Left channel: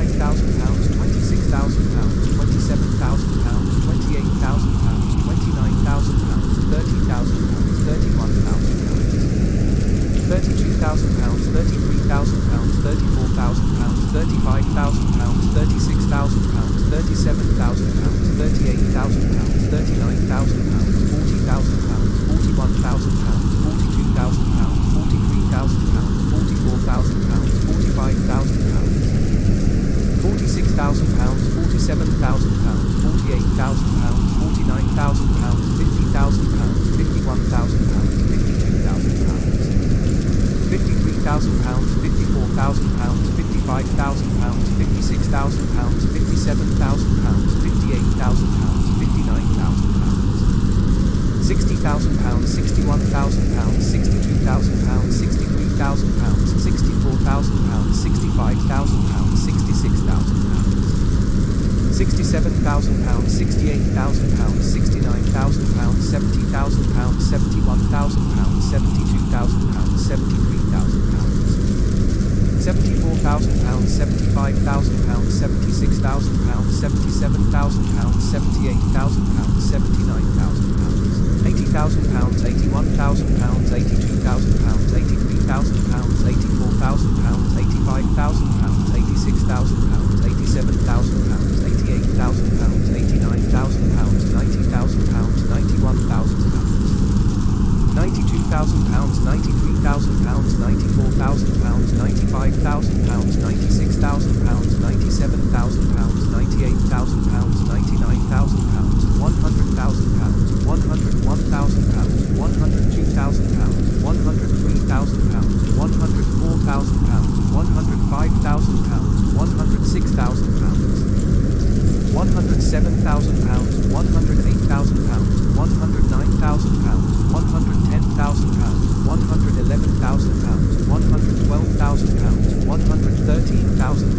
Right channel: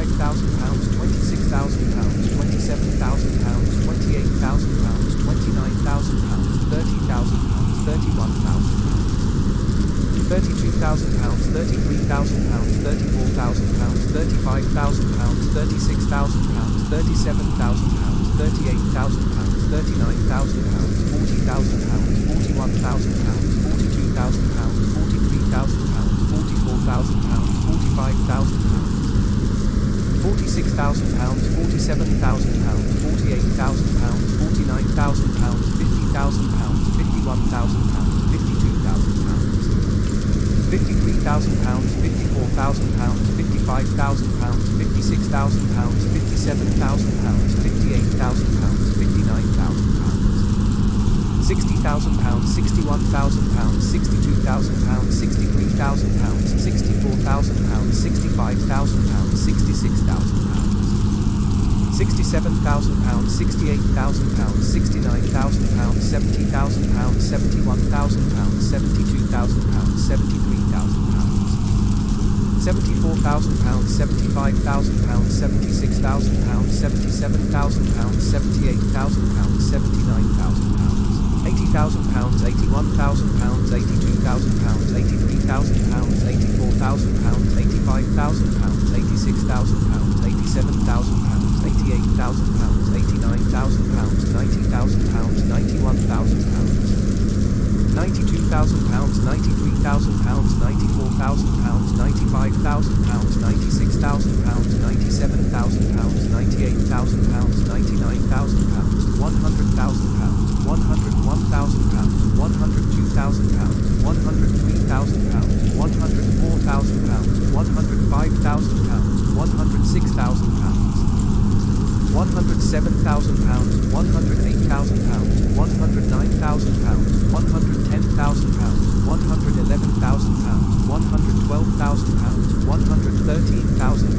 £25,000, £26,000, £27,000, £28,000, £29,000, £30,000, £31,000. £32,000, £33,000, £34,000, £35,000, £36,000, £37,000, £38,000, £39,000, £40,000, £41,000, £42,000, £43,000, £44,000, £45,000, £46,000, £47,000, £48,000, £49,000, £50,000, £51,000, £52,000. £53,000, £54,000, £55,000, £56,000, £57,000, £58,000, £59,000. £60,000, £61,000, £62,000, £63,000, £64,000, £65,000, £66,000. £67,000, £68,000, £69,000, £70,000, £71,000, £72,000, £73,000. £74,000, £75,000, £76,000, £77,000, £78,000, £79,000. £80,000, £81,000, £82,000, £83,000, £84,000, £85,000, £86,000, £87,000, £88,000, £89,000, £90,000, £91,000. £92,000, £93,000, £94,000, £95,000, £96,000, £97,000, £98,000, £99,000, £100,000, £101,000, £102,000, £103,000, £104,000, £105,000, £106,000. £107,000, £108,000, £109,000, £110,000, £111,000, £112,000, £113,000,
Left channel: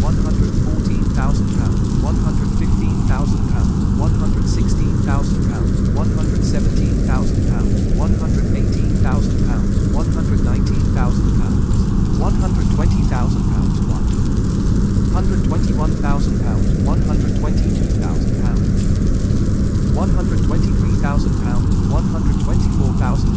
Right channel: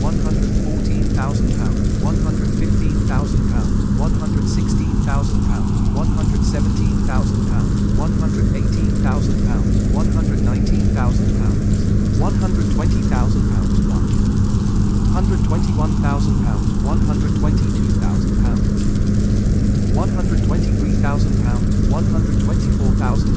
£114,000, £115,000, £116,000, £117,000, £118,000, £119,000, £120,000, £121,000, £122,000, £123,000, £124,000,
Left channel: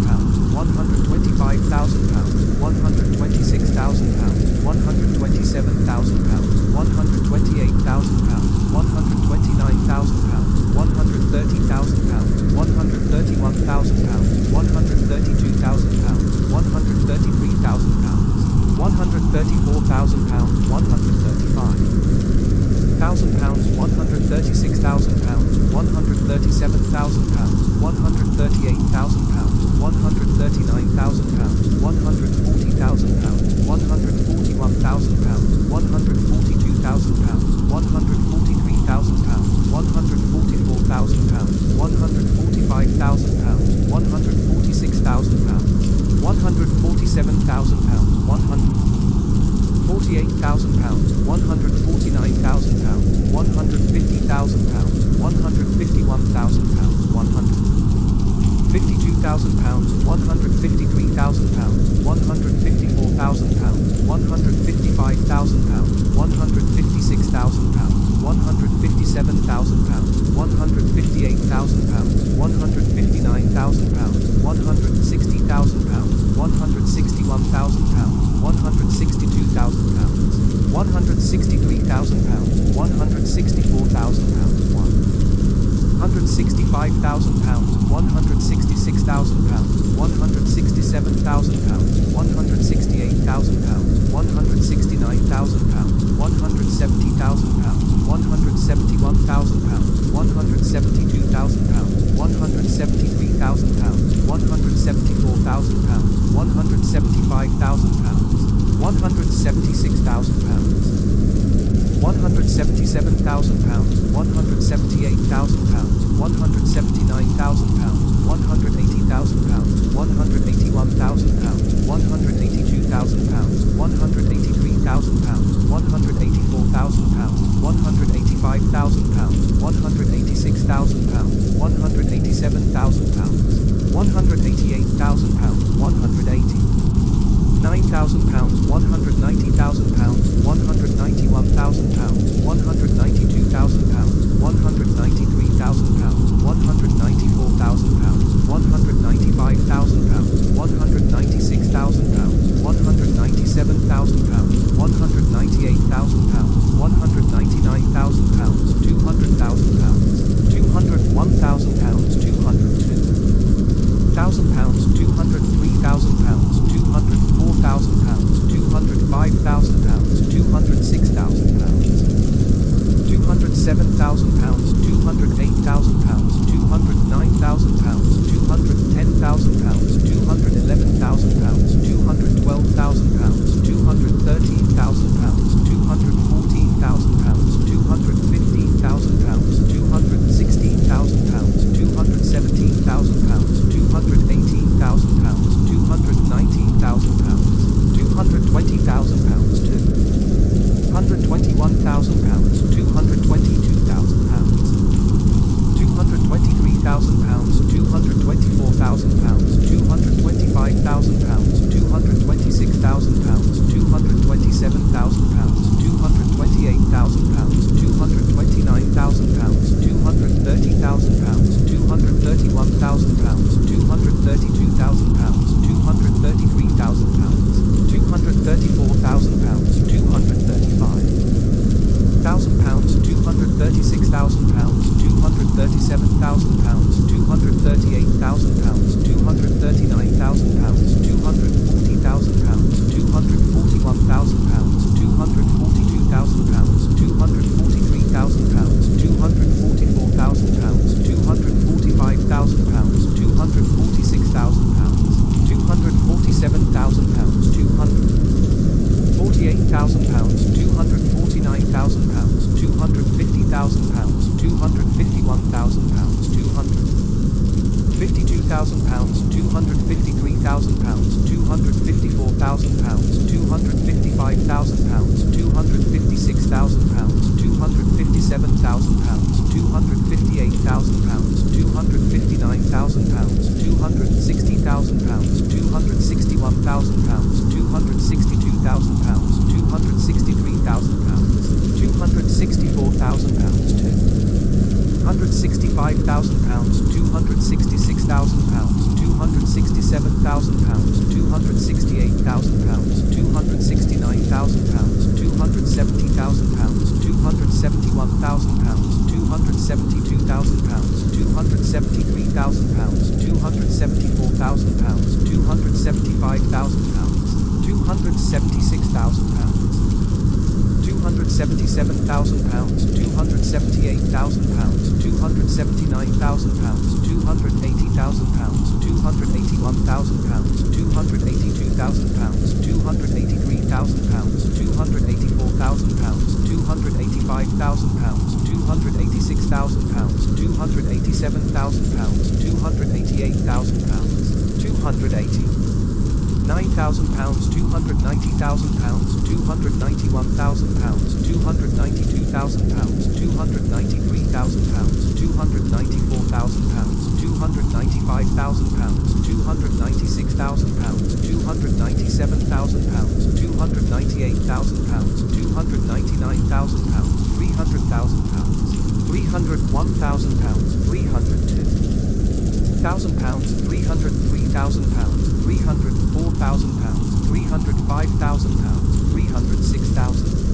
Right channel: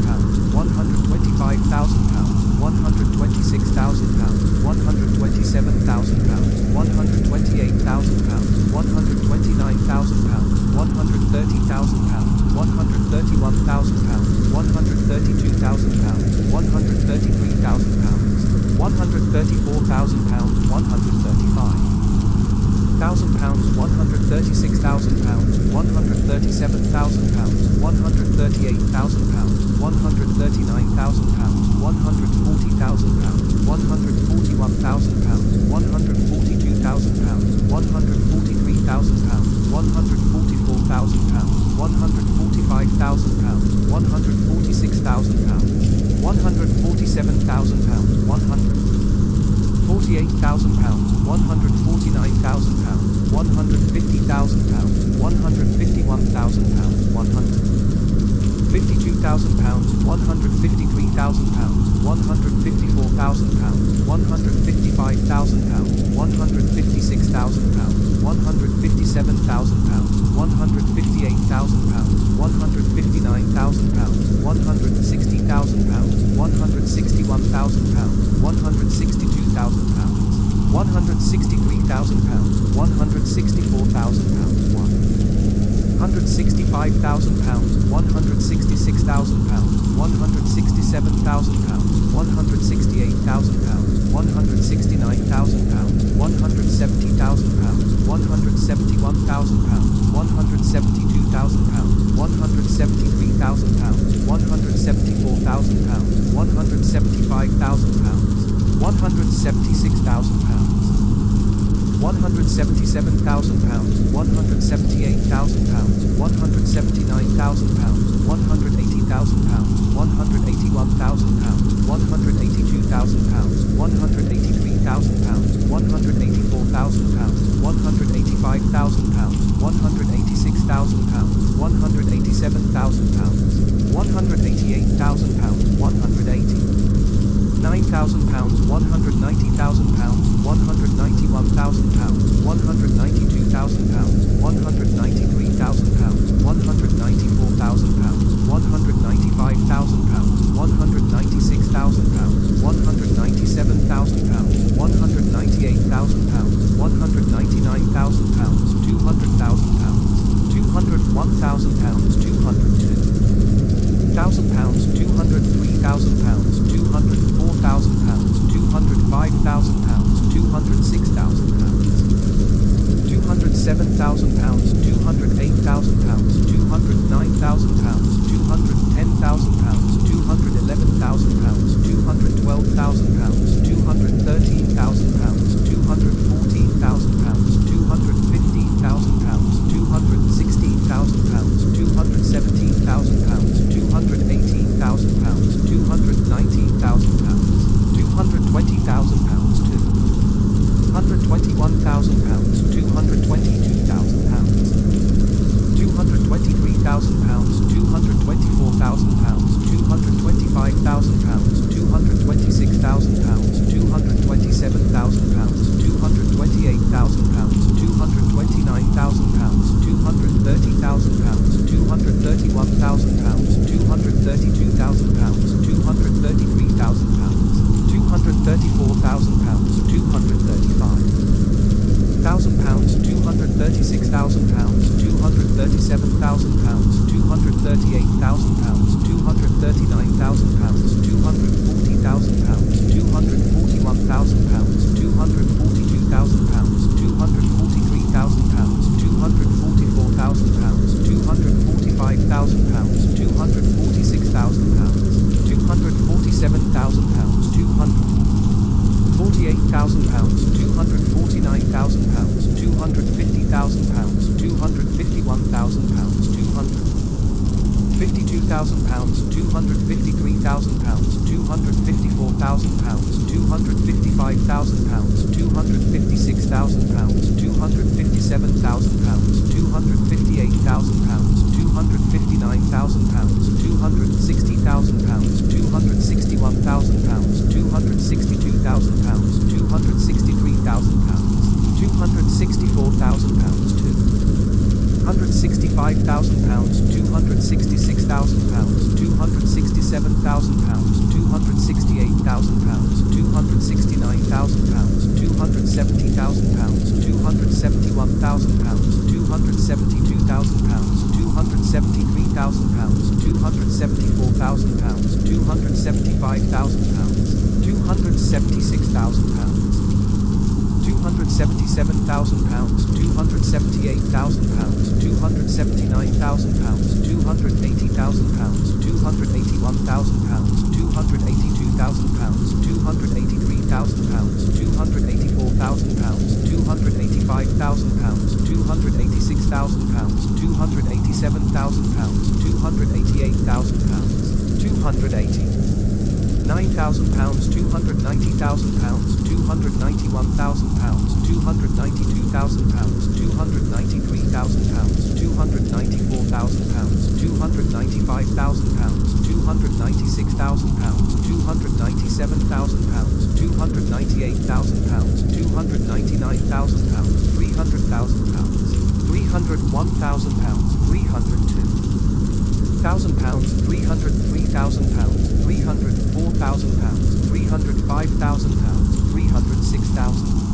£125,000, £126,000, £127,000, £128,000, £129,000, £130,000, £131,000, £132,000, £133,000. £134,000, £135,000, £136,000, £137,000, £138,000, £139,000, £140,000, £141,000, £142,000, £143,000, £144,000, £145,000, £146,000. £147,000, £148,000, £149,000, £150,000, £151,000, £152,000, £153,000, £154,000, £155,000, £156,000, £157,000, £158,000, £159,000, £160,000, £161,000, £162,000, £163,000, £164,000, £165,000, £166,000, £167,000, £168,000, £169,000, £170,000, £171,000, £172,000, £173,000, £174,000, £175,000, £176,000. £177,000, £178,000, £179,000, £180,000, £181,000, £182,000, £183,000, £184,000, £185,000, £186,000, £187,000, £188,000, £180,000. 9,000 pounds, 190,000 pounds, 191,000 pounds, 192,000 pounds, 193,000 pounds, 194,000 pounds, 195,000 pounds, 196,000 pounds, 197,000 pounds, 198,000 pounds, 199,000 pounds, 200,000 pounds, 201,000 pounds, 202,000 pounds, 203,000 pounds, 204,000 pounds, 205,000 pounds, 206,000 pounds, 207,000 pounds, 208,000 pounds, 209,000 pounds, 210,000 pounds, 211,000 pounds, 212,000 pounds, 213,000 pounds, 214,000 pounds, 215,000 pounds, 216,000 pounds, 217,000 pounds, 218,000 pounds, 219,000 pounds, 220,000 pounds, 221,000 pounds, 222,000 pounds, 223,000 pounds, 224,000 pounds, 225,000 pounds, 226,000 pounds, 227,000 pounds, 228,000 pounds, 229,000 pounds, 230,000 pounds, 231,000 pounds, 232,000 pounds, 233,000 pounds, 234,000 pounds, 235,000 pounds, 236,000 pounds, 237,000 pounds, 238,000 pounds, 239,000 pounds, 240,000 pounds, 241,000 pounds, 242,000 pounds, 243,000 pounds, 244,000 pounds, 245,000 pounds, 246,000 pounds, 247,000 pounds, 248,000 pounds, 249,000 pounds, 250,000 pounds, 251,000 pounds, 252,000 pounds, 253,000 pounds, 254,000 pounds, 255,000 pounds, 256,000 pounds, 257,000 pounds, 258,000 pounds, 259,000 pounds, 260,000 pounds, 261,000 pounds, 262,000 pounds, 263,000 pounds, 264,000 pounds, 265,000 pounds, 266,000 pounds, 267,000 pounds, 268,000 pounds, 269,000 pounds, 270,000 pounds, 271,000 pounds, 272,000 pounds, 273,000 pounds, 274,000 pounds, 275,000 pounds, 276,000 pounds, 277,000 pounds, 278,000 pounds, 279,000 pounds, 280,000 pounds, 281,000 pounds, 282,000 pounds, 283,000 pounds, 284,000 pounds, 285,000 pounds, 286,000 pounds, 287,000 pounds, 288,000 pounds, 289,000 pounds, 290,000 pounds, 291,000 pounds, 292,000 pounds, 293,000 pounds, 294,000 pounds, 295,000 pounds, 296,000 pounds, 297,000 pounds, 298,000 pounds, 299,000 pounds, 300,000 pounds, 301,000 pounds, 302,000 pounds, 303,000 pounds, 304,000 pounds, 305,000 pounds, 306,000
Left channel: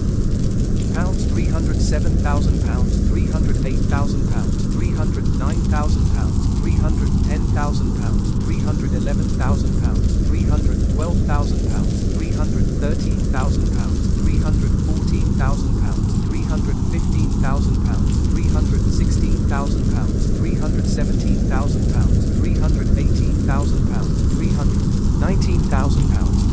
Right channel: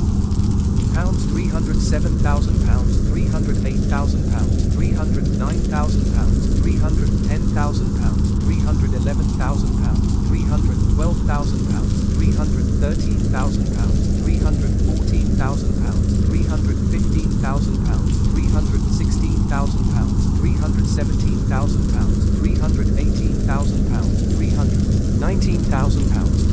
pounds, 307,000 pounds, 308,000 pounds, 309,000 pounds, 310,000 pounds, 311,000 pounds, 312,000 pounds, 313,000 pounds, 314,000 pounds, 315,000 pounds, 316,000 pounds, 317,000 pounds, 318,000 pounds, 319,000 pounds,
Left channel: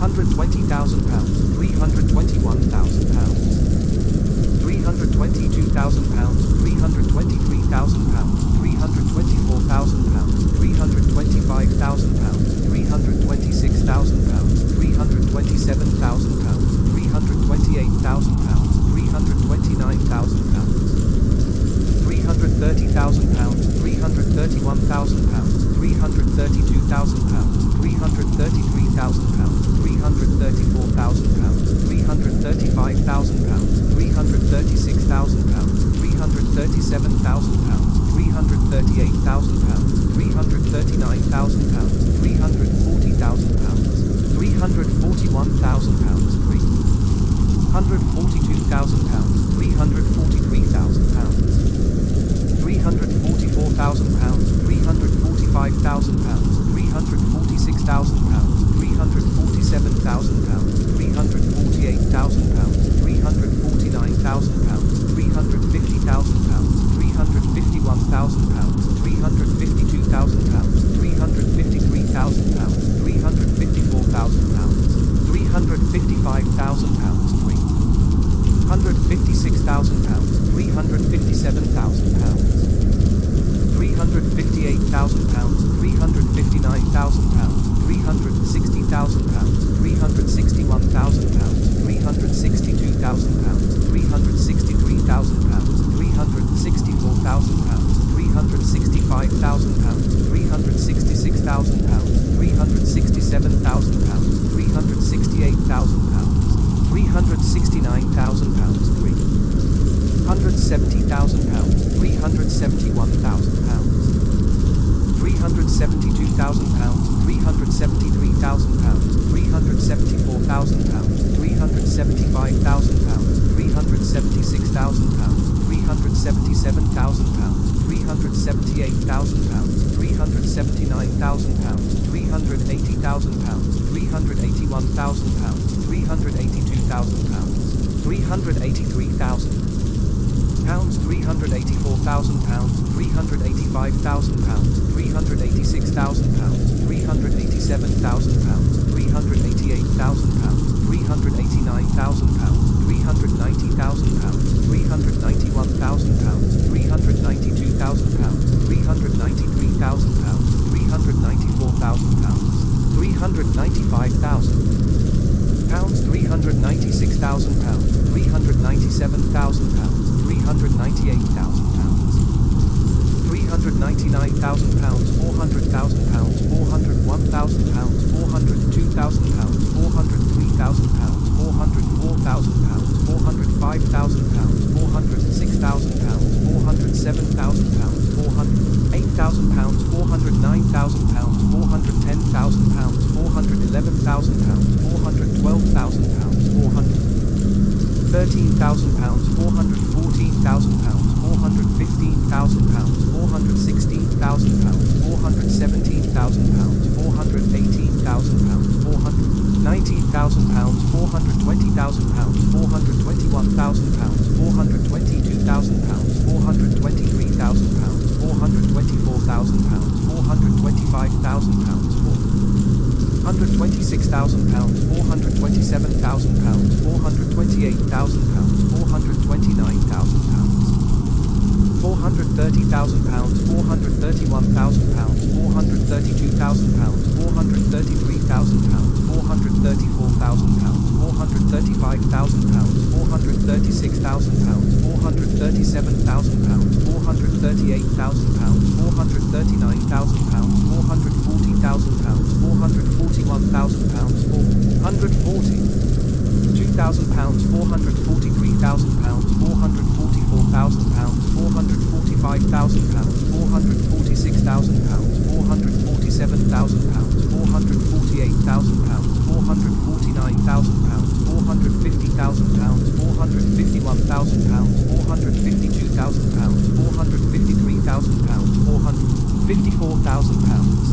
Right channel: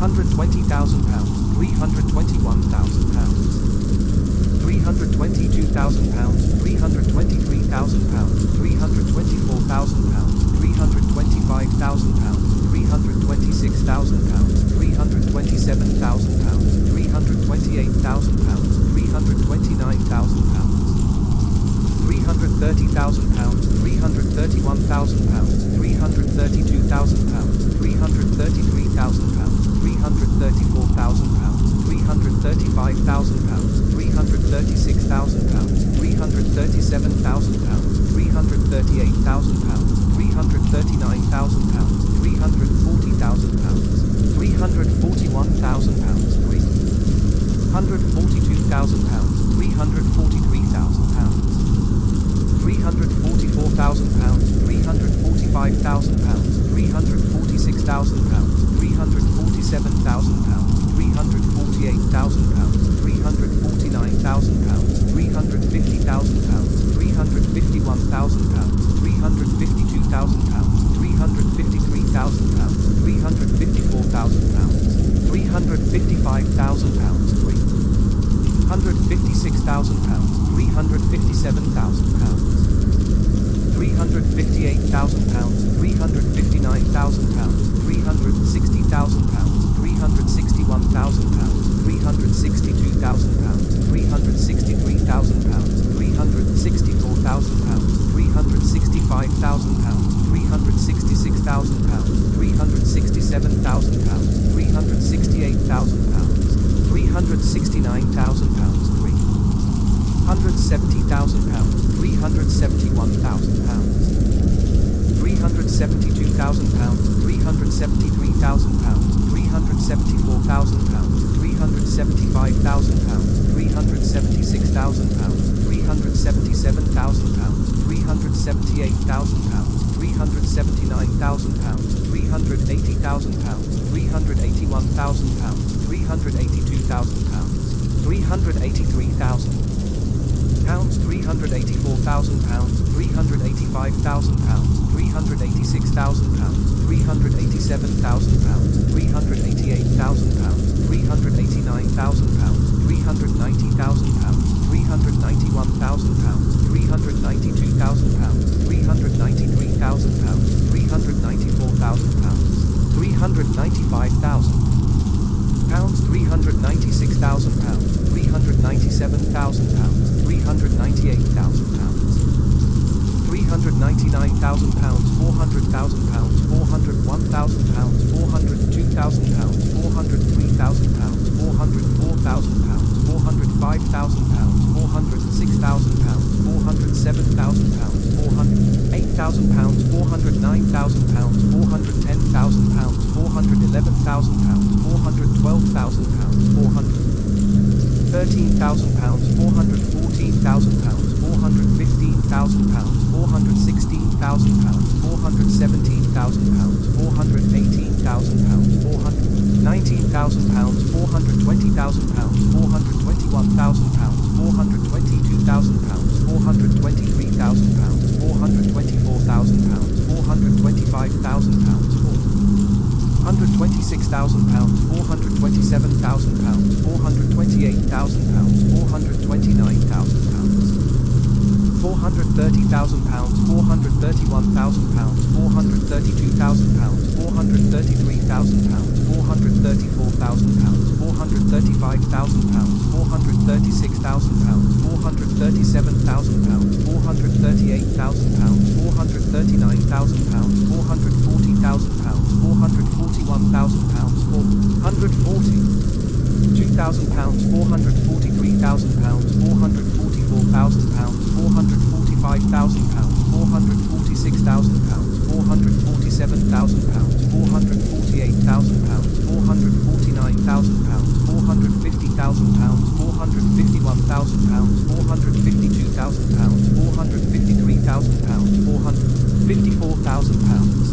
320,000 pounds, 321,000 pounds, 322,000 pounds, 323,000 pounds, 324,000 pounds, 325,000 pounds, 326,000 pounds, 327,000 pounds, 328,000 pounds, 329,000 pounds, 330,000 pounds, 331,000 pounds, 332,000 pounds, 333,000 pounds, 334,000 pounds, 335,000 pounds, 336,000 pounds, 337,000 pounds, 338,000 pounds, 339,000 pounds, 340,000 pounds, 341,000 pounds, 342,000 pounds, 343,000 pounds, 344,000 pounds, 345,000 pounds, 346,000 pounds, 347,000 pounds, 348,000 pounds, 349,000 pounds, 350,000 pounds, 351,000 pounds, 352,000 pounds, 353,000 pounds, 354,000 pounds, 355,000 pounds, 356,000 pounds, 357,000 pounds, 358,000 pounds, 359,000 pounds, 360,000 pounds, 361,000 pounds, 362,000 pounds, 363,000 pounds, 364,000 pounds, 365,000 pounds, 366,000 pounds, 367,000 pounds, 368,000 pounds, 369,000 pounds, 370,000 pounds, 371,000 pounds, 372,000 pounds, 373,000 pounds, 374,000 pounds, 375,000 pounds, 376,000 pounds, 377,000 pounds, 378,000 pounds, 379,000 pounds, 380,000 pounds, 381,000 pounds, 382,000 pounds, 383,000 pounds, 384,000 pounds, 385,000 pounds, 386,000 pounds, 387,000 pounds, 388,000 pounds, 389,000 pounds, 390,000 pounds, 391,000 pounds, 392,000 pounds, 393,000 pounds, 394,000 pounds, 395,000 pounds, 396,000 pounds, 397,000 pounds, 398,000 pounds, 399,000 pounds, 400,000 pounds, 401,000 pounds, 402,000 pounds, 403,000 pounds, 404,000 pounds, 405,000 pounds, 406,000 pounds, 407,000 pounds, 408,000 pounds, 409,000 pounds, 410,000 pounds, 411,000 pounds, 412,000 pounds, 413,000 pounds, 414,000 pounds, 415,000 pounds, 416,000 pounds, 417,000 pounds, 418,000 pounds, 419,000 pounds, 420,000 pounds, 421,000 pounds, 422,000 pounds, 423,000 pounds, 424,000 pounds, 425,000 pounds, 426,000 pounds, 427,000 pounds, 428,000 pounds, 429,000 pounds, 430,000 pounds, 431,000 pounds, 432,000 pounds, 433,000 pounds, 434,000 pounds, 435,000 pounds, 436,000 pounds, 437,000 pounds, 438,000 pounds, 439,000 pounds, 440,000 pounds, 441,000 pounds, 440,000 pounds, 443,000 pounds, 444,000 pounds, 445,000 pounds, 446,000 pounds, 447,000 pounds, 448,000 pounds, 449,000 pounds, 450,000 pounds, 451,000 pounds, 452,000 pounds, 453,000 pounds, 454,000 pounds,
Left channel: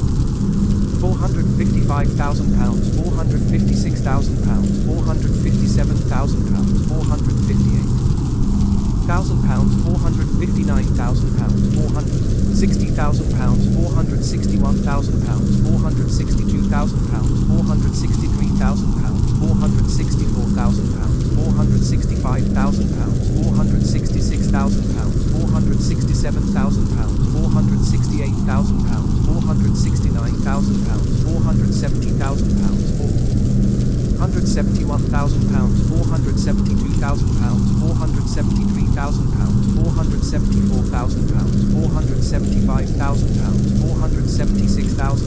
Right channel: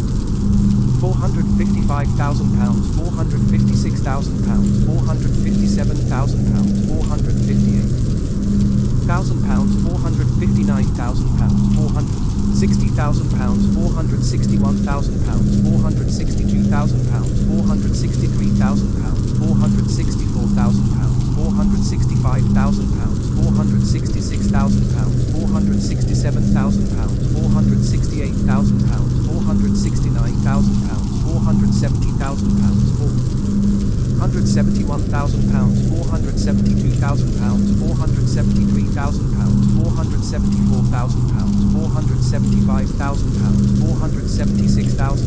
455,000 pounds, 456,000 pounds, 457,000 pounds, 458,000 pounds, 459,000 pounds, 460,000 pounds, 461,000 pounds, 462,000 pounds, 463,000 pounds, 464,000 pounds, 465,000 pounds, 466,000 pounds, 467,000 pounds, 468,000 pounds, 469,000 pounds, 470,000 pounds, £171,000, £472,000, £473,000, £474,000, £475,000, £476,000,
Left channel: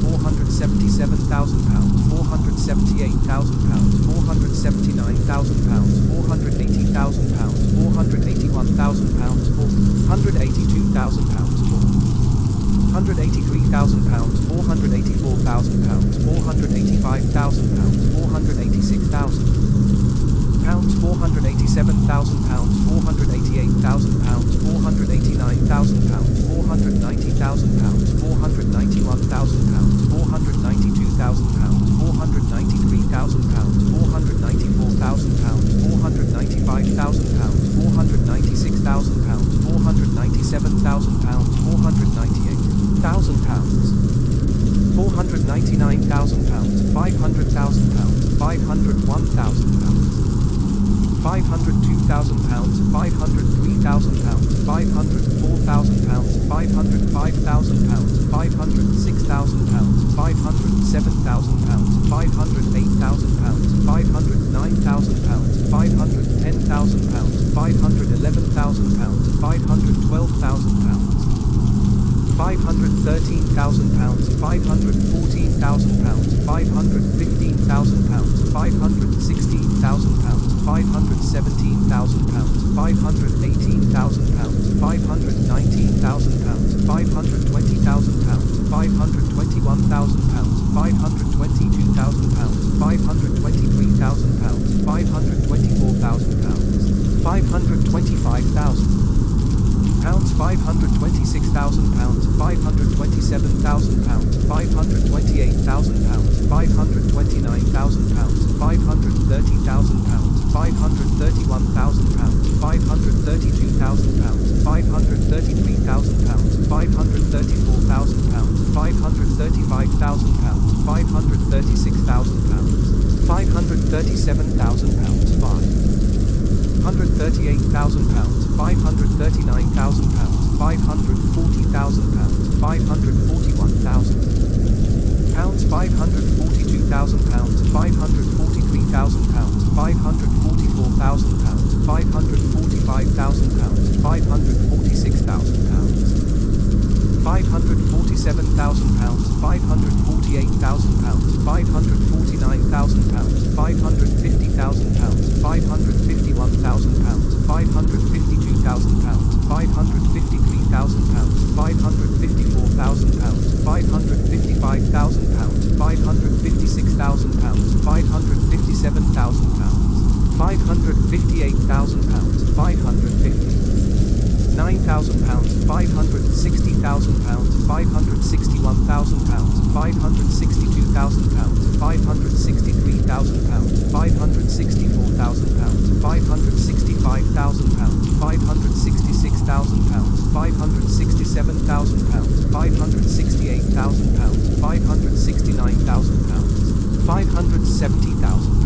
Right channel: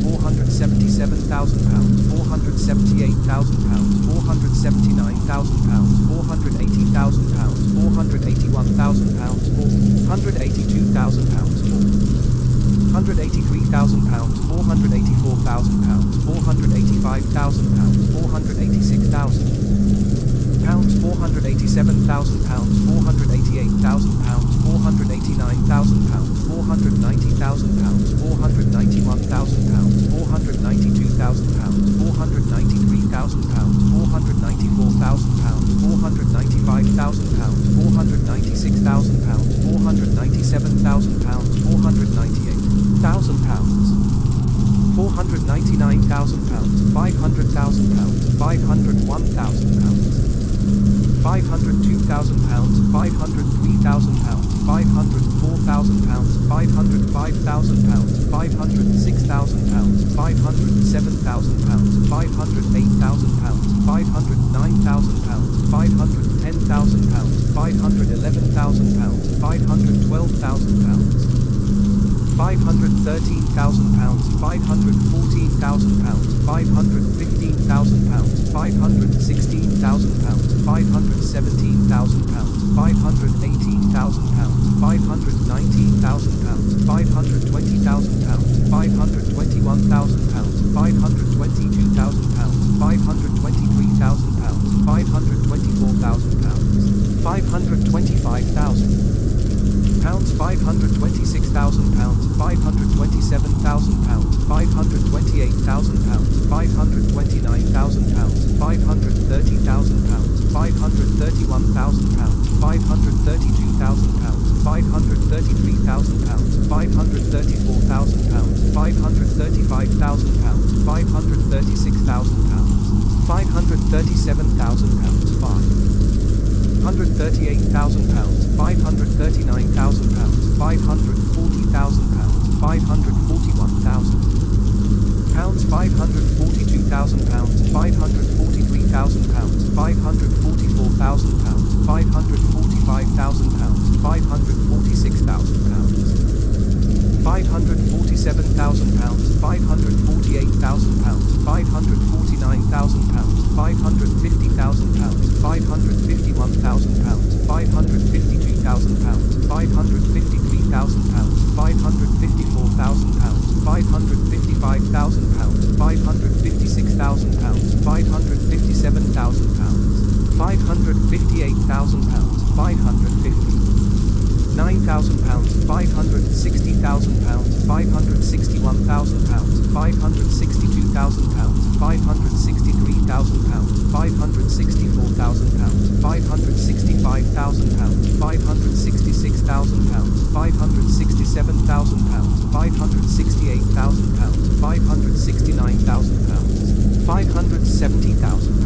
£477,000, £478,000, £479,000, £480,000, £481,000, £482,000, £183,000, £484,000, £485,000, £486,000, £487,000, £488,000, £489,000, £490,000, £491,000, £492,000, £493,000, £494,000, £495,000, £496,000, £497,000, £498,000, £499,000, £500,000, £501,000, £502,000, £503,000, £504,000, £505,000, £506,000, £507,000, £508,000, £509,000, £510,000, £511,000, £512,000, £513,000, £514,000, £515,000, £516,000, £517,000, £518,000, £519,000, £520,000, £521,000, £522,000, £523,000, £524,000, £525,000. £526,000, £527,000, £528,000, £529,000, £530,000, £531,000, £532,000, £533,000, £534,000, £535,000, £536,000, £537,000, £138,000, £539,000, £540,000, £541,000, £542,000, £543,000, £544,000, £545,000, £546,000, £547,000, £548,000, £549,000, £550,000, £551,000, £552,000, £553,000, £554,000, £555,000, £556,000, £557,000, £558,000, £550. £9,000, £560,000, £561,000, £562,000, £563,000, £564,000, £565,000, £566,000, £567,000, £568,000, £569,000, £570,000.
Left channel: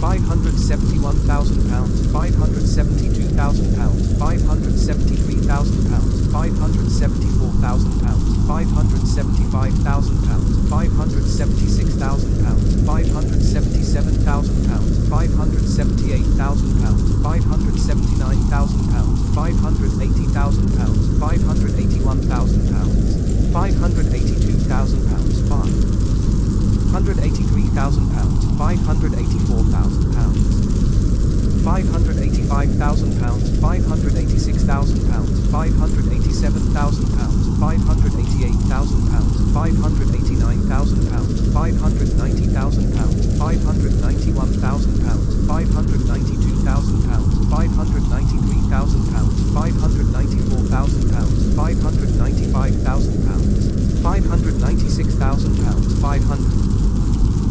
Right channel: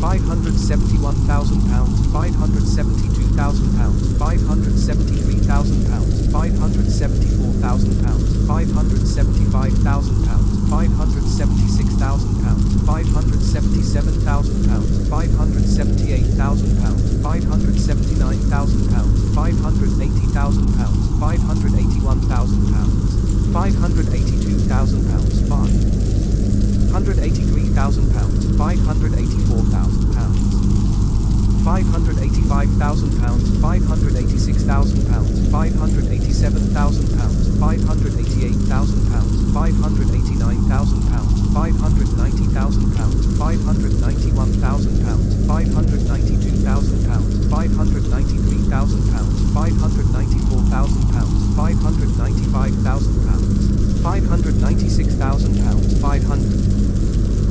£571,000, £572,000, £573,000, £574,000, £575,000, £576,000, £577,000, £578,000, £579,000, £580,000, £581,000, £582,000, £183,000, £584,000, £585,000, £586,000, £587,000, £588,000, £589,000, £590,000, £591,000, £592,000, £593,000, £594,000, £595,000, £596,000,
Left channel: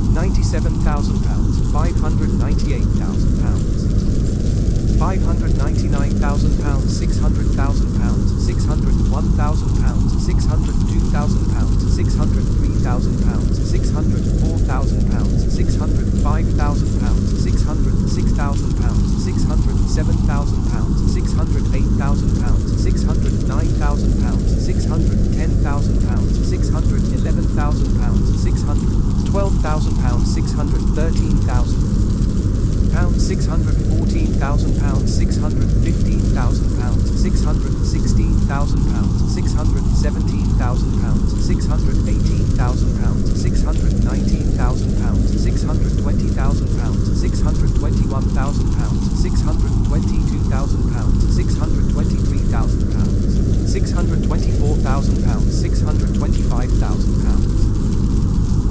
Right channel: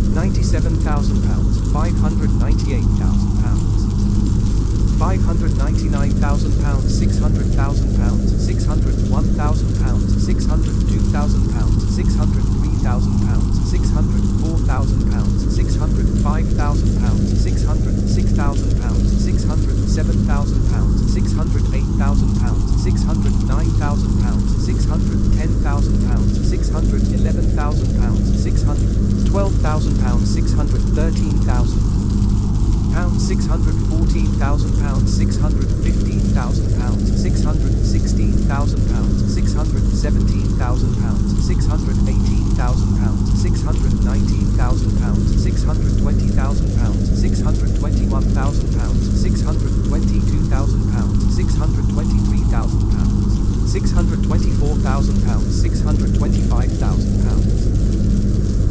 £597,000, £598,000, £599,000, £600,000, £601,000, £602,000, 603,000 pounds, 604,000 pounds, 605,000 pounds, 606,000 pounds, 607,000 pounds, 608,000 pounds, 609,000 pounds, 610,000 pounds, 611,000 pounds, 612,000 pounds, 613,000 pounds, 614,000 pounds, 615,000 pounds, 616,000 pounds, 617,000 pounds, 618,000 pounds, 619,000 pounds, 620,000 pounds, 621,000 pounds, 622,000 pounds, 623,000 pounds, 624,000 pounds, 625,000 pounds,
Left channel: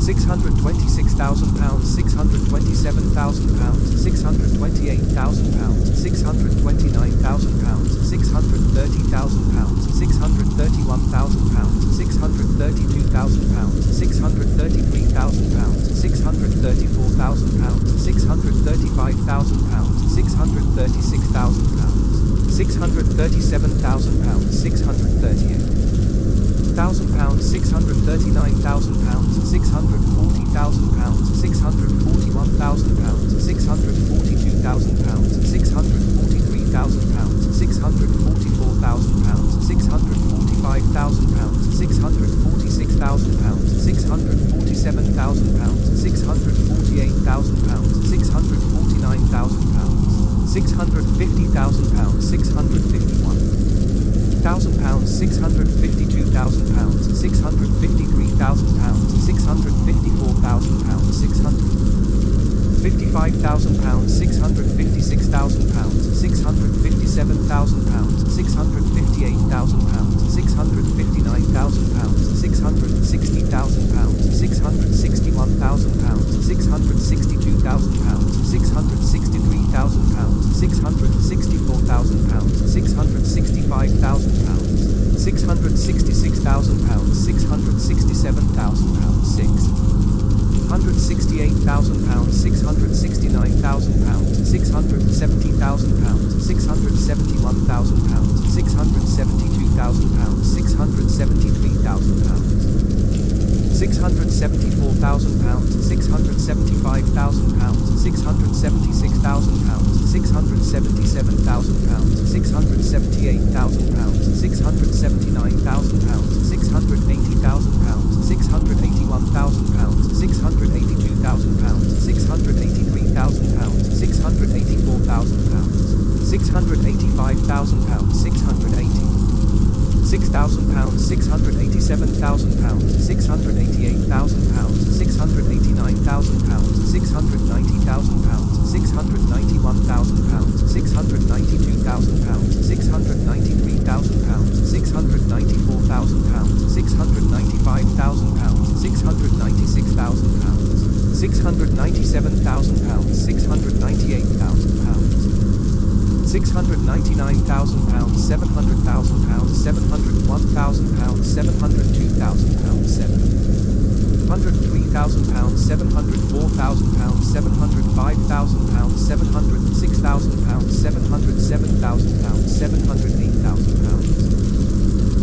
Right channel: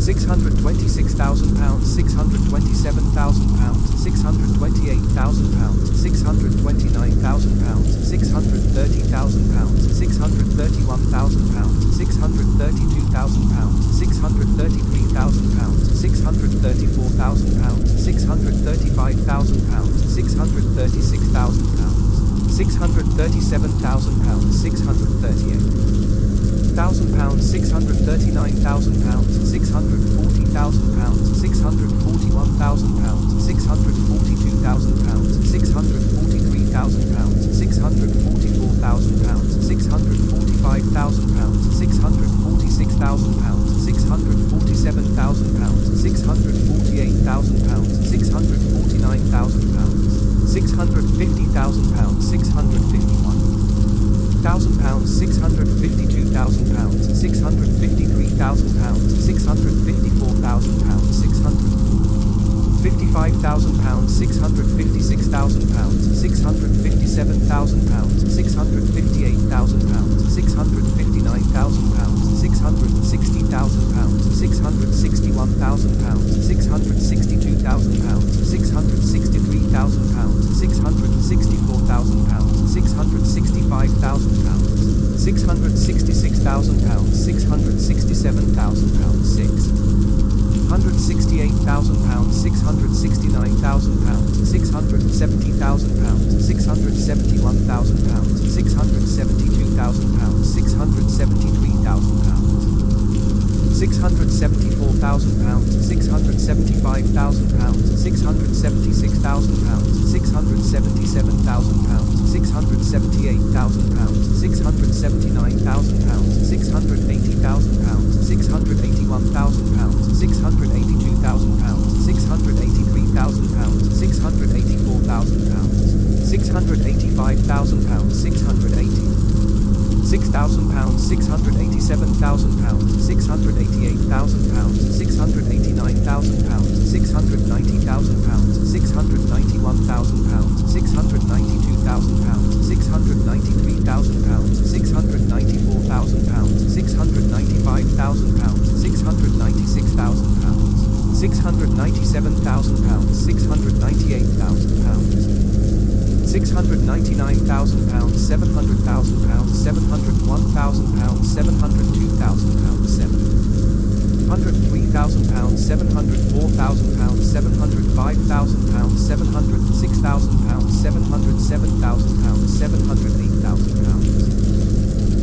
626,000 pounds, 627,000 pounds, 628,000 pounds, 629,000 pounds, 630,000 pounds, 631,000 pounds, 632,000 pounds, 633,000 pounds, 634,000 pounds, 635,000 pounds, 636,000 pounds, 637,000 pounds, 638,000 pounds, 639,000 pounds, 640,000 pounds, 641,000 pounds, 642,000 pounds, 643,000 pounds, 644,000 pounds, 645,000 pounds, 646,000 pounds, 647,000 pounds, 648,000 pounds, 649,000 pounds, 650,000 pounds, 651,000 pounds, 652,000 pounds, 653,000 pounds, 654,000 pounds, 655,000 pounds, 656,000 pounds, 657,000 pounds, 658,000 pounds, 659,000 pounds, 660,000 pounds, 661,000 pounds, 662,000 pounds, 663,000 pounds, 664,000 pounds, 665,000 pounds, 666,000 pounds, 667,000 pounds, 668,000 pounds, 669,000 pounds, 670,000 pounds, 671,000 pounds, 672,000 pounds, 673,000 pounds, 674,000 pounds, 675,000 pounds, 676,000 pounds, 677,000 pounds, 678,000 pounds, 679,000 pounds, 680,000 pounds, 681,000 pounds, 682,000 pounds, 683,000 pounds, 684,000 pounds, 685,000 pounds, 6,000 pounds, 687,000 pounds, 688,000 pounds, 689,000 pounds, 690,000 pounds, 691,000 pounds, 692,000 pounds, 693,000 pounds, 694,000 pounds, 695,000 pounds, 696,000 pounds, 697,000 pounds, 698,000 pounds, 699,000 pounds, 700,000 pounds, 701,000 pounds, 702,000 pounds, 703,000 pounds, 704,000 pounds, 705,000 pounds, 706,000 pounds, 707,000 pounds, 708,000 pounds,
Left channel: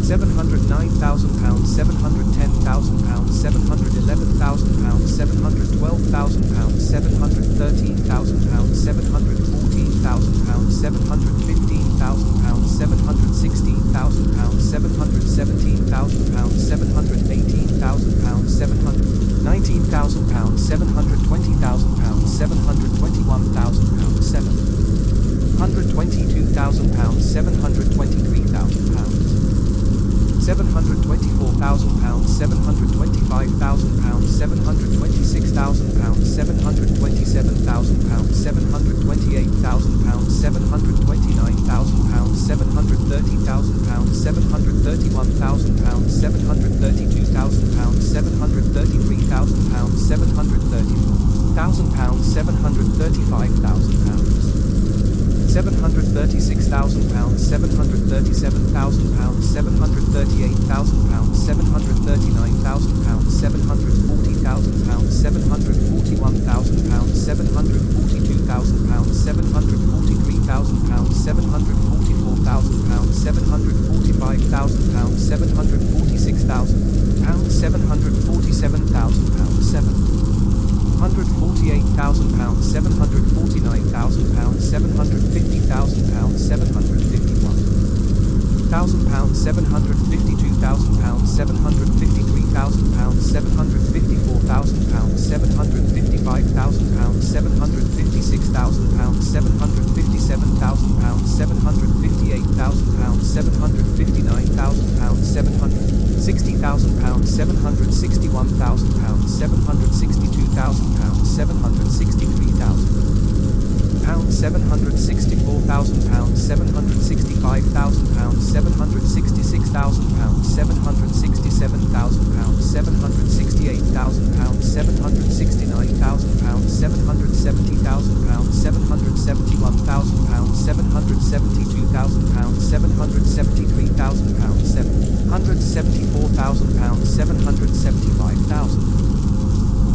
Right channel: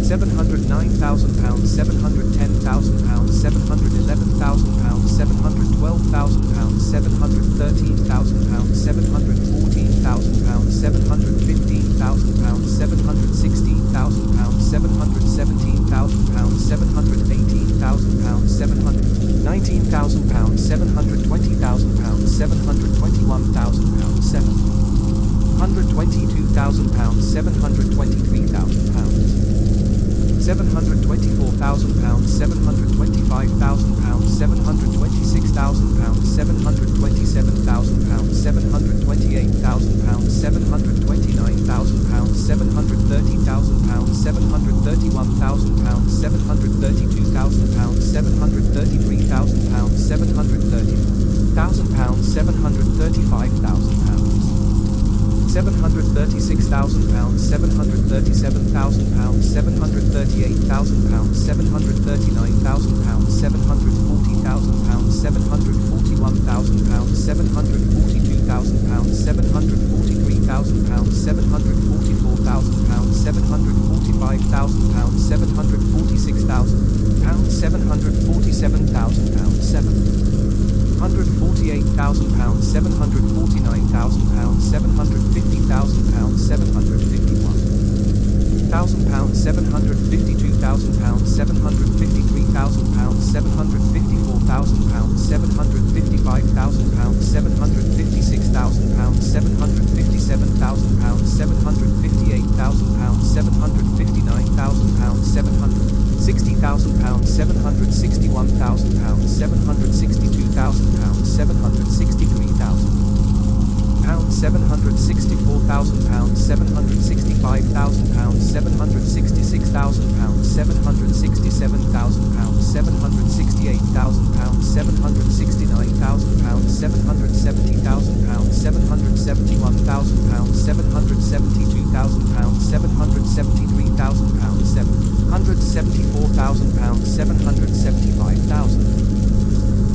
709,000 pounds, 710,000 pounds, 711,000 pounds, 712,000 pounds, 713,000 pounds, 714,000 pounds, 715,000 pounds, 716,000 pounds, 717,000 pounds, 718,000 pounds, 719,000 pounds, 720,000 pounds, 721,000 pounds, 722,000 pounds, 723,000 pounds, 724,000 pounds, 725,000 pounds, 726,000 pounds, 727,000 pounds, 728,000 pounds, 729,000 pounds, 730,000 pounds, 731,000 pounds, 732,000 pounds, 733,000 pounds, 734,000 pounds, 735,000 pounds, 736,000 pounds, 737,000 pounds, 738,000 pounds, 739,000 pounds, 740,000 pounds, 741,000 pounds, 742,000 pounds, 743,000 pounds, 744,000 pounds, 745,000 pounds, 746,000 pounds, 747,000 pounds, 748,000 pounds, 749,000 pounds, 750,000 pounds, 751,000 pounds, 752,000 pounds, 753,000 pounds, 754,000 pounds, 755,000 pounds, 756,000 pounds, 757,000 pounds, 758,000 pounds, 759,000 pounds, 760,000 pounds, 761,000 pounds, 762,000 pounds, 763,000 pounds, 764,000 pounds, 765,000 pounds, 766,000 pounds, 767,000 pounds, 768,000 pounds, 769,000 pounds, 770,000 pounds, 771,000 pounds, 772,000 pounds, 773,000 pounds, 774,000 pounds, 775,000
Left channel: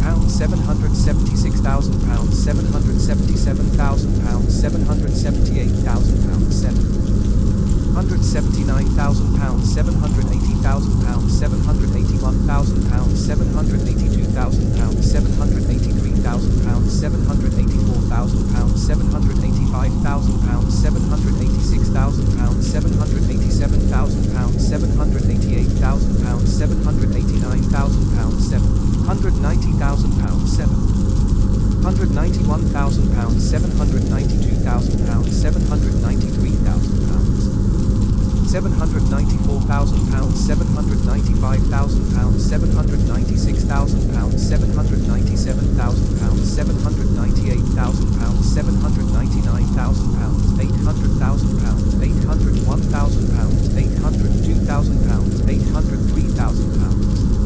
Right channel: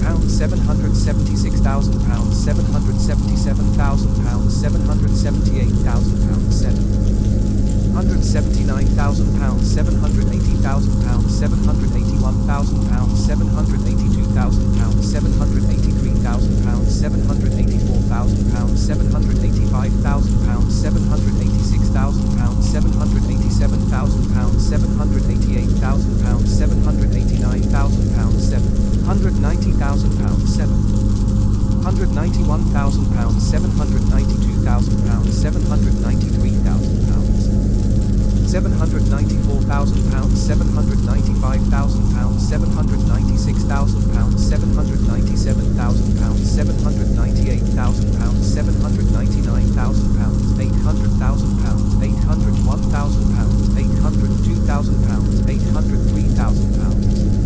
pounds, 776,000 pounds, 777,000 pounds, 778,000 pounds, 779,000 pounds, 780,000 pounds, 781,000 pounds, 782,000 pounds, 783,000 pounds, 784,000 pounds, 785,000 pounds, 786,000 pounds, 787,000 pounds, 788,000 pounds, 789,000 pounds, 790,000 pounds, 791,000 pounds, 792,000 pounds, 793,000 pounds, 794,000 pounds, 795,000 pounds, 796,000 pounds, 797,000 pounds, 798,000 pounds, 799,000 pounds, 800,000 pounds, 801,000 pounds, 802,000 pounds, 803,000 pounds,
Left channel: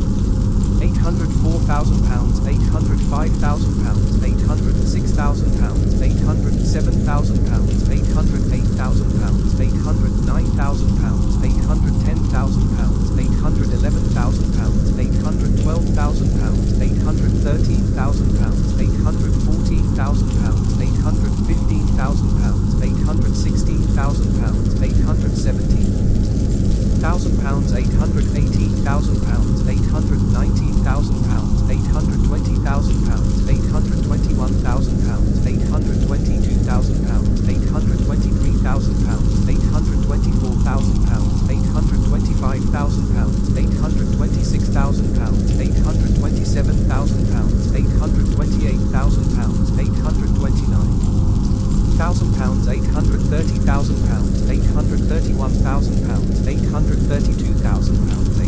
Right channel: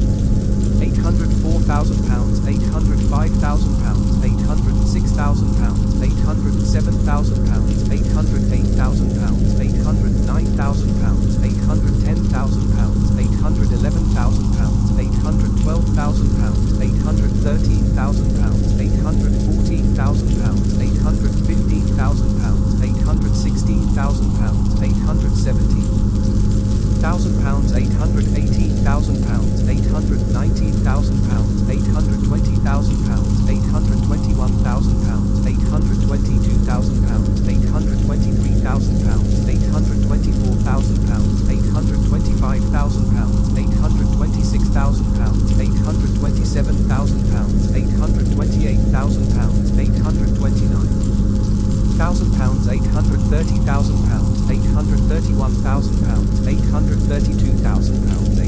804,000 pounds, 805,000 pounds, 806,000 pounds, 807,000 pounds, 808,000 pounds, 809,000 pounds, 810,000 pounds, 811,000 pounds, 812,000 pounds, 813,000 pounds, 814,000 pounds, 815,000 pounds, 816,000 pounds, 817,000 pounds, 818,000 pounds, 819,000 pounds, 820,000 pounds, 821,000 pounds, 822,000 pounds, 823,000 pounds, 824,000 pounds, 825,000 pounds, 826,000 pounds, 827,000 pounds, 828,000 pounds, 829,000 pounds, 830,000 pounds, 831,000 pounds, 832,000 pounds,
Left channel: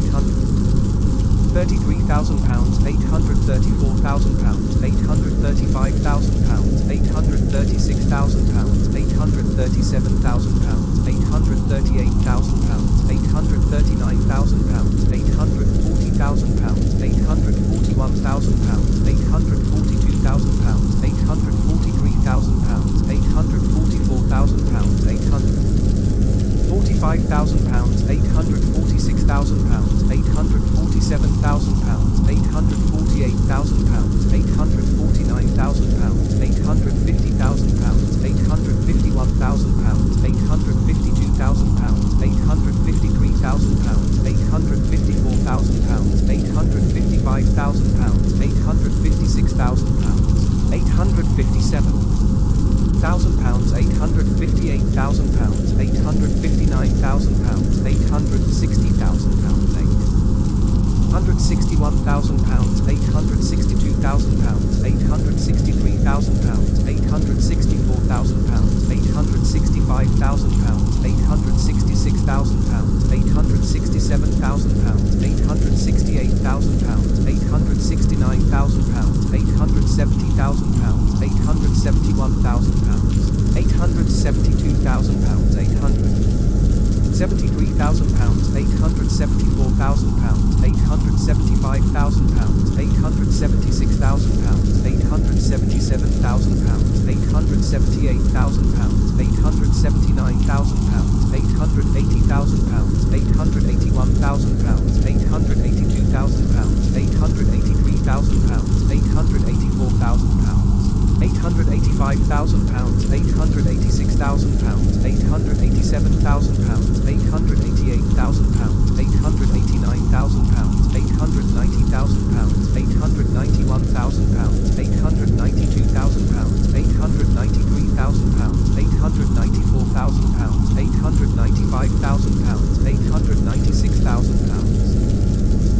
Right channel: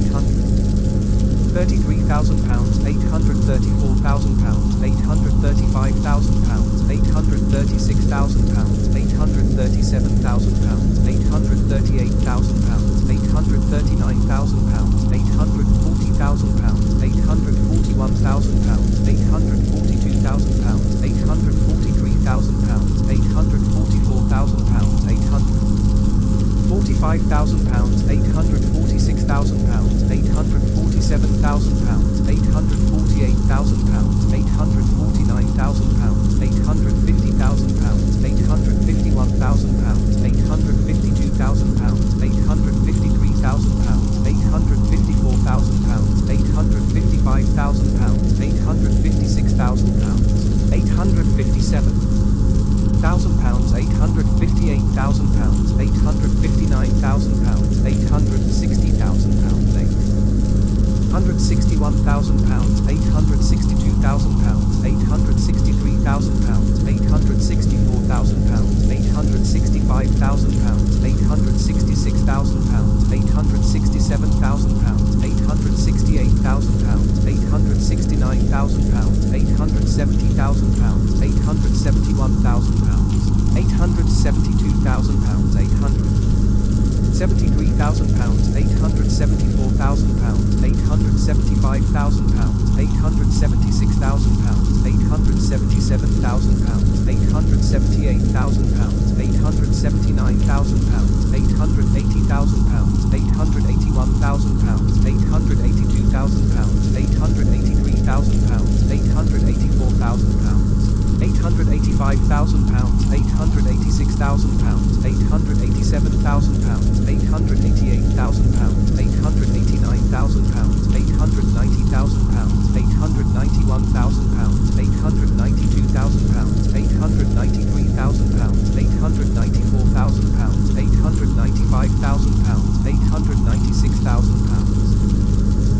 833,000 pounds, 834,000 pounds, 835,000 pounds, 836,000 pounds, 837,000 pounds, 838,000 pounds, 839,000 pounds, 840,000 pounds, 841,000 pounds, 842,000 pounds, 843,000 pounds, 844,000 pounds, 845,000 pounds, 846,000 pounds, 847,000 pounds, 848,000 pounds, 849,000 pounds, 850,000 pounds, 851,000 pounds, 852,000 pounds, 853,000 pounds, 854,000 pounds, 855,000 pounds, 856,000 pounds, 857,000 pounds, 858,000 pounds, 859,000 pounds, 860,000 pounds, 861,000 pounds, 862,000 pounds, 863,000 pounds, 864,000 pounds, 865,000 pounds, 866,000 pounds, 867,000 pounds, 868,000 pounds, 869,000 pounds, 870,000 pounds, 871,000 pounds, 872,000 pounds, 873,000 pounds, 874,000 pounds, 875,000 pounds, 876,000 pounds, 877,000 pounds, 878,000 pounds, 879,000 pounds, 880,000 pounds, 881,000 pounds, 882,000 pounds, 883,000 pounds, 884,000 pounds. 885,000 pounds, 886,000 pounds, 887,000 pounds, 888,000 pounds, 889,000 pounds, 890,000 pounds, 891,000 pounds, 892,000 pounds, 893,000 pounds, 894,000 pounds, 895,000 pounds, 896,000 pounds.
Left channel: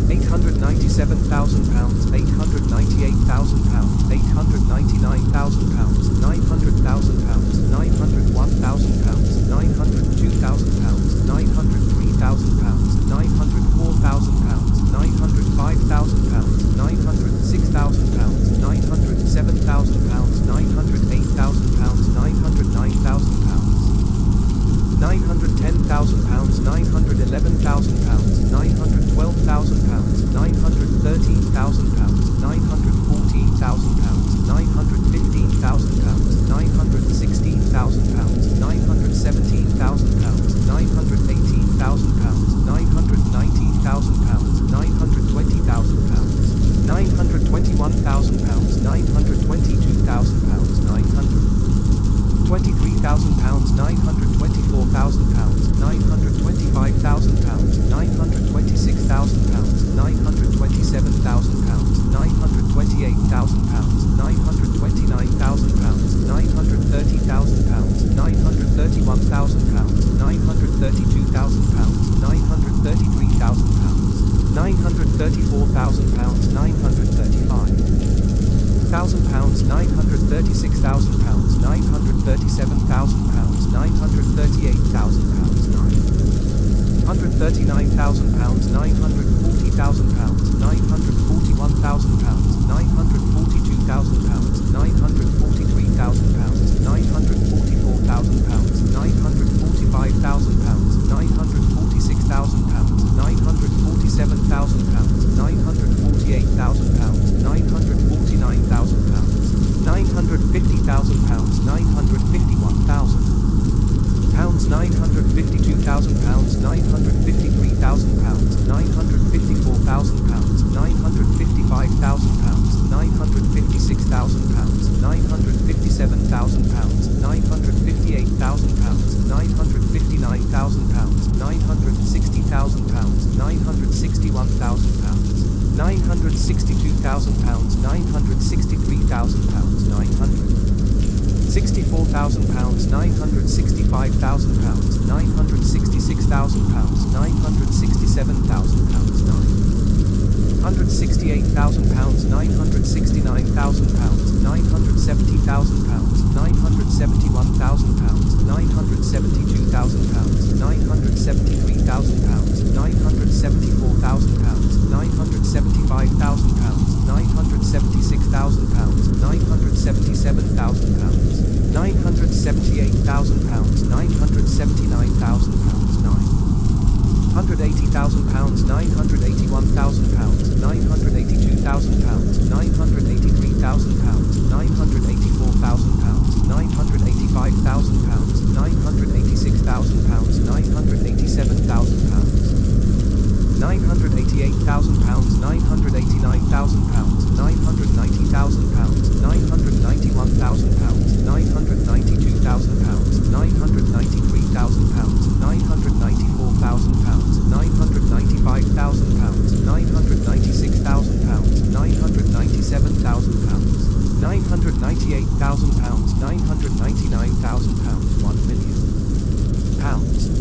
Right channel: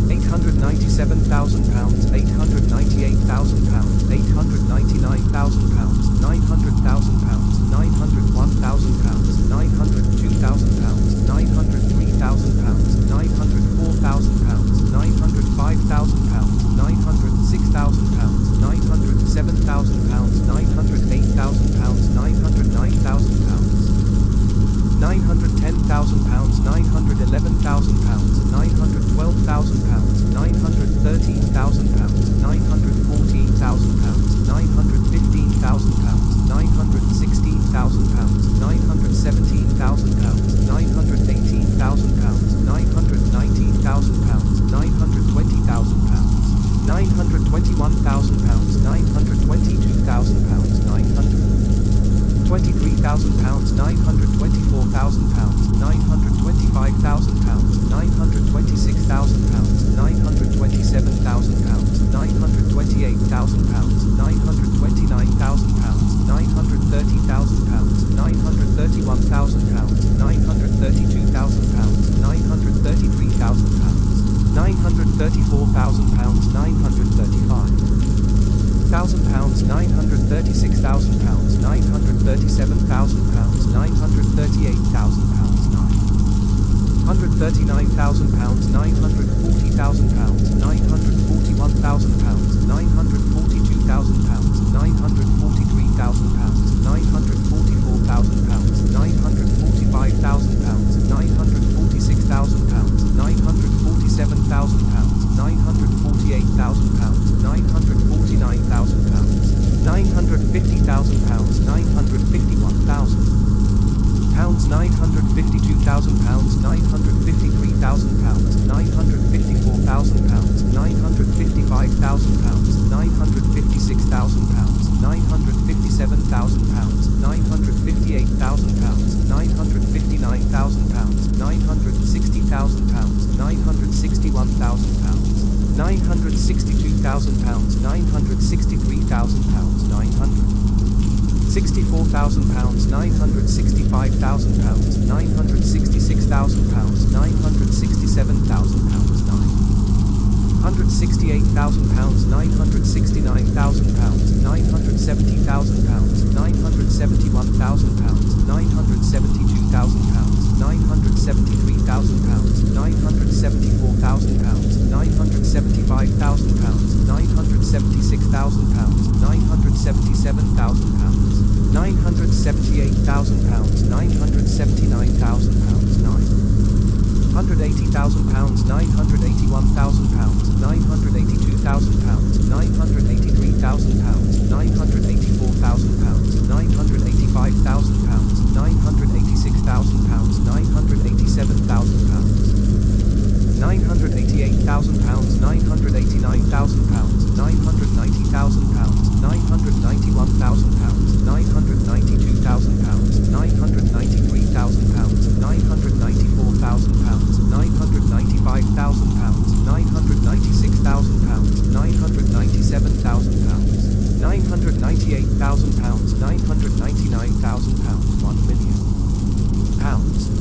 897,000 pounds, 898,000 pounds, 899,000 pounds, 900,000 pounds, 901,000 pounds, 902,000 pounds, 903,000 pounds, 904,000 pounds, 905,000 pounds, 906,000 pounds, 907,000 pounds, 908,000 pounds, 909,000 pounds. 910,000 pounds, 911,000 pounds, 912,000 pounds, 913,000 pounds, 914,000 pounds, 915,000 pounds, 916,000 pounds, 917,000 pounds, 918,000 pounds, 919,000 pounds, 920,000 pounds, 921,000 pounds, 922,000 pounds, 923,000 pounds, 924,000 pounds, 925,000 pounds, 926,000 pounds, 927,000 pounds, 928,000 pounds, 929,000 pounds, 930,000 pounds, 931,000 pounds, 932,000 pounds, 933,000 pounds, 934,000 pounds, 935,000 pounds, 936,000 pounds, 937,000 pounds, 938,000 pounds, 939,000 pounds, 940,000 pounds, 941,000 pounds, 942,000 pounds, 943,000 pounds, 944,000 pounds, 945,000 pounds, 946,000 pounds, 947,000 pounds, 948,000 pounds, 949,000 pounds, 950,000 pounds, 951,000 pounds, 952,000 pounds, 953,000 pounds, 954,000 pounds, 955,000 pounds, 956,000 pounds, 957,000 pounds, 958,000 pounds, 959,000 pounds, 960,000 pounds, 961,000 pounds, 962,000 pounds, 963,000 pounds, 964,000 pounds, 965,000 pounds, 966,000 pounds, 967,000 pounds, 968,000 pounds, 969,000 pounds, 970,000 pounds, 971,000 pounds, 972,000 pounds, 973,000 pounds, 974,000 pounds, 975,000 pounds, 976,000 pounds, 977,000 pounds, 978,000 pounds, 979,000 pounds, 980,000 pounds, 981,000 pounds, 982,000 pounds, 983,000 pounds, 984,000 pounds, 985,000 pounds, 986,000 pounds, 987,000 pounds, 988,000 pounds, 989,000 pounds, 990,000 pounds, 991,000 pounds, 992,000 pounds, 993,000 pounds, 994,000 pounds, 995,000 pounds, 996,000 pounds, 997,000 pounds, 998,000 pounds, 999,000 pounds, 1 million pounds.